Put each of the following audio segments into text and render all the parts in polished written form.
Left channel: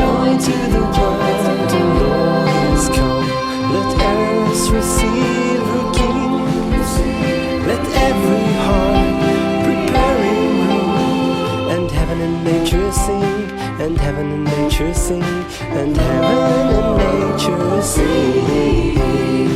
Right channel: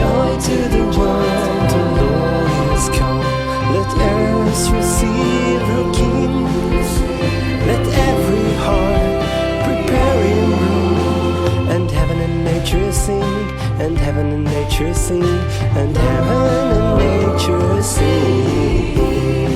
Joy to the world, the Lord is come. Let earth receive her King. Let every heart prepare Him room. And heaven and nature sing, and heaven and nature sing, and heaven and nature sing.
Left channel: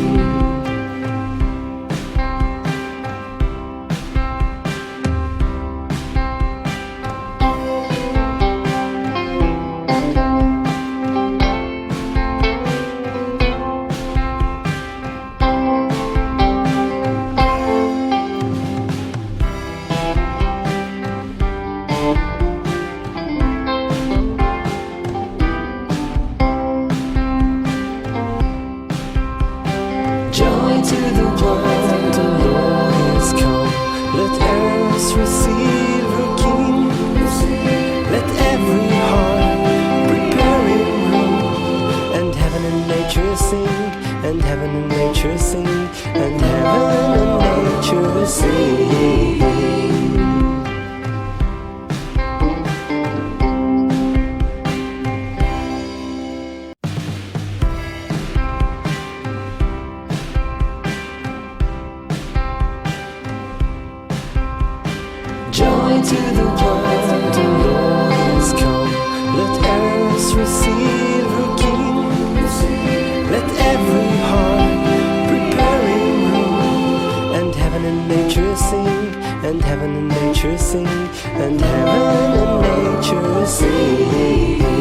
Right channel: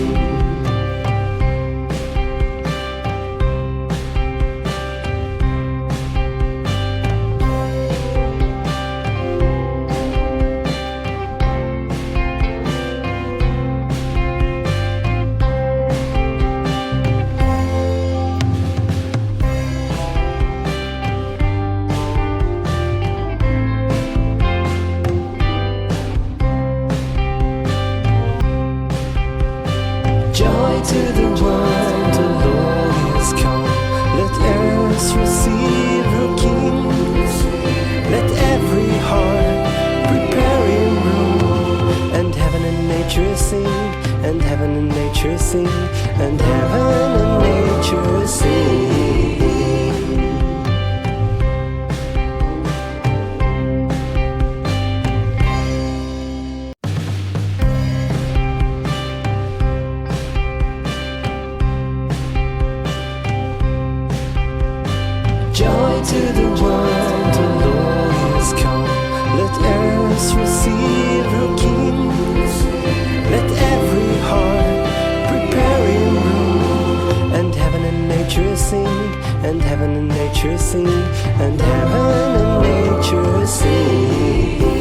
Joy to the world, the Lord is come. Let earth receive her King. Let every heart prepare Him room. And heaven and nature sing, and heaven and nature sing, and heaven and nature sing. Joy to the world, the Lord is come. Let earth receive her King. Let every heart prepare Him room. And heaven and nature sing, and heaven and nature sing, and heaven and nature sing.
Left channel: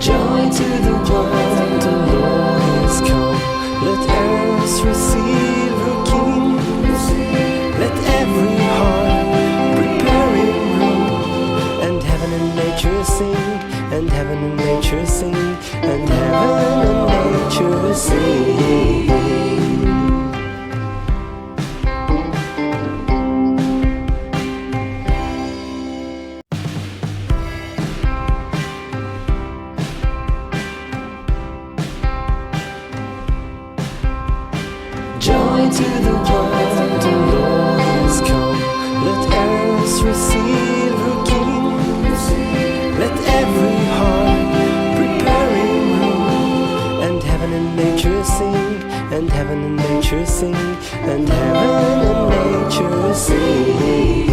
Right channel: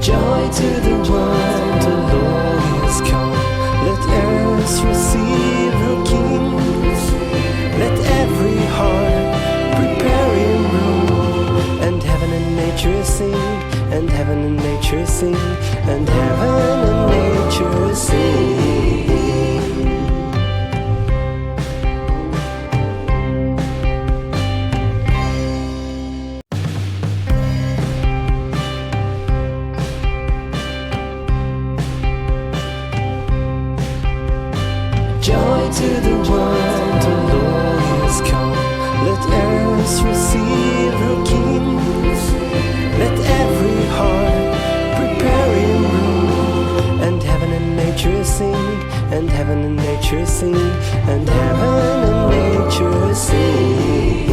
Joy to the world, the Lord is come. Let earth receive her King. Let every heart prepare Him room. And heaven and nature sing, and heaven and nature sing, and heaven and nature sing. Joy to the world, the Lord is come. Let earth receive her King. Let every heart prepare Him room. And heaven and nature sing, and heaven and nature sing, and heaven and nature sing.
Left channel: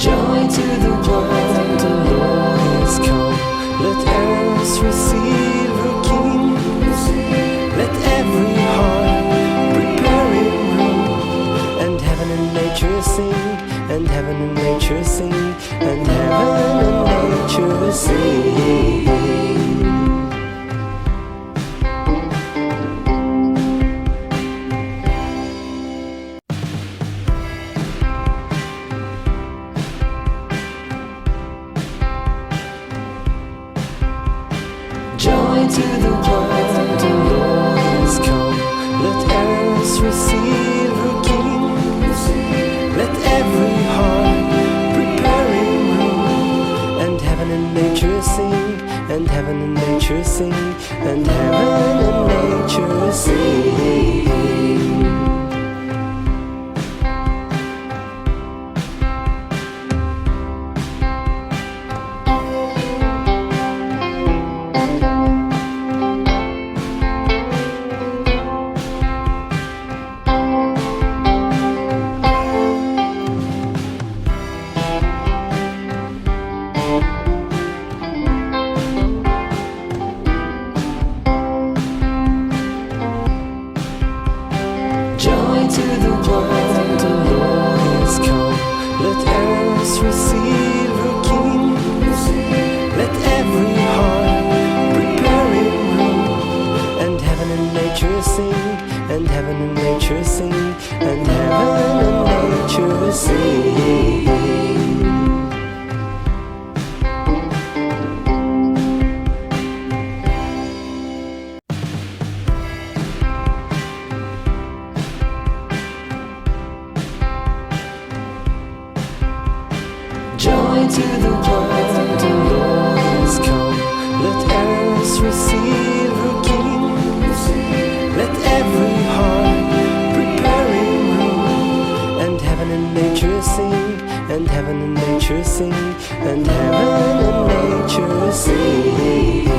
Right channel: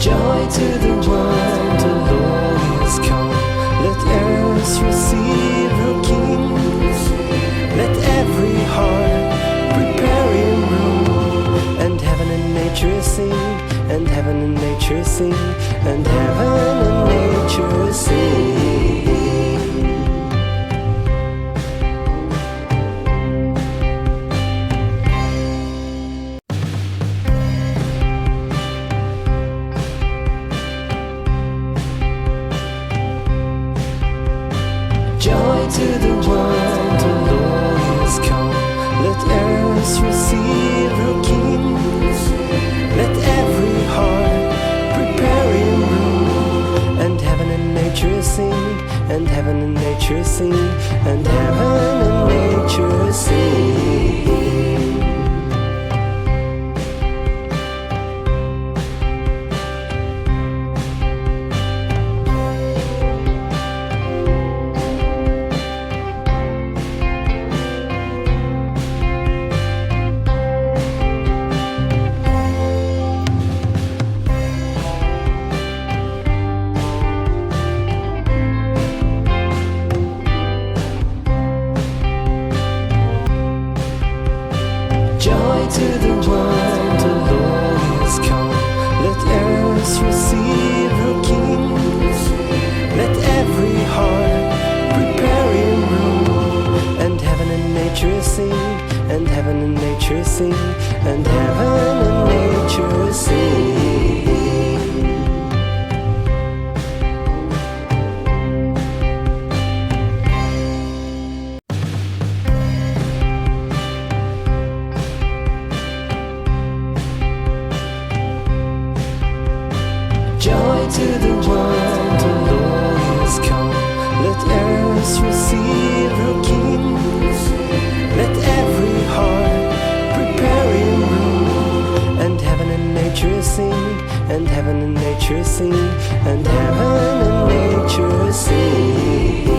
Joy to the world, the Lord is come. Let earth receive her King. Let every heart prepare Him room. And heaven and nature sing, and heaven and nature sing, and heaven and nature sing. Joy to the world, the Lord is come. Let earth receive her King. Let every heart prepare Him room. And heaven and nature sing, and heaven and nature sing, and heaven and nature sing. to the world, the Lord is come. Let earth receive her King. Let every heart prepare in room. And heaven and nature sing, and heaven and nature sing, and heaven and nature sing. Joy to the world, the Lord is come. Let earth receive her King. Let every heart prepare in room. And heaven and nature sing, and heaven and nature sing, and heaven and nature sing.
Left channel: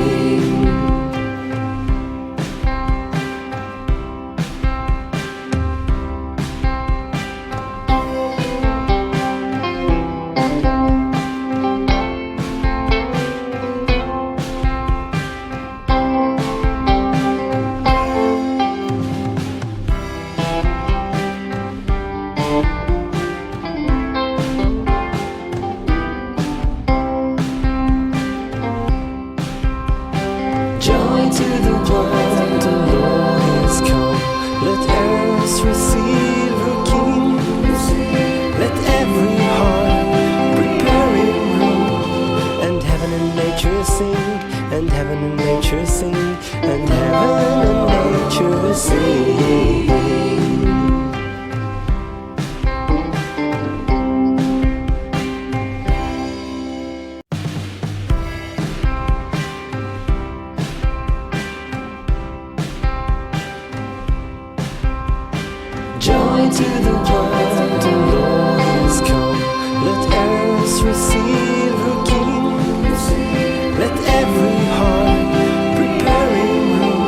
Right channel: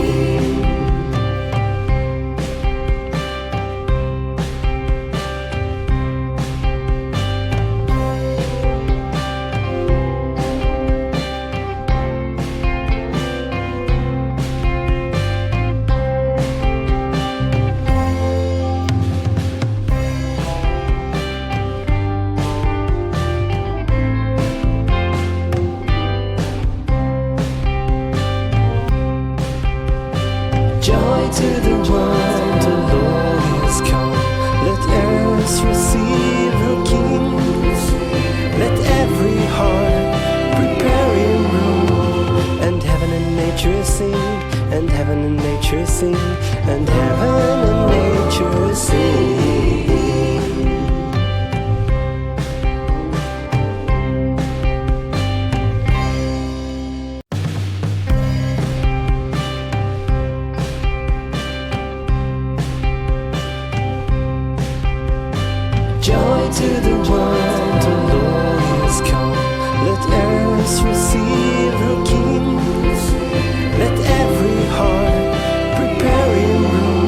Joy to the world, the Lord is come. Let earth receive her King. Let every heart prepare in room. And heaven and nature sing, and heaven and nature sing, and heaven and nature sing. Joy to the world, the Lord is come. Let earth receive her King. Let every heart prepare in room.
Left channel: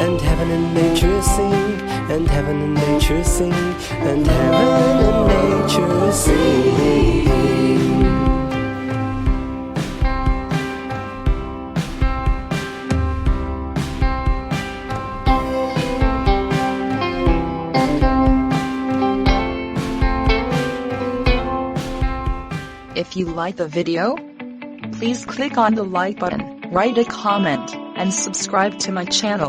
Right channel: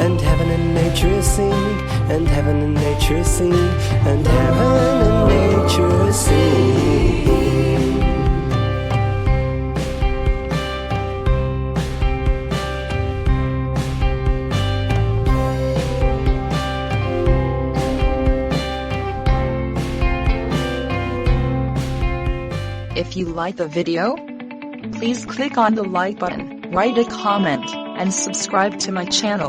And heaven and nature sing, and heaven and nature sing, and heaven and nature sing. If you like the video, please click on the like button, write a comment, and subscribe to my channel.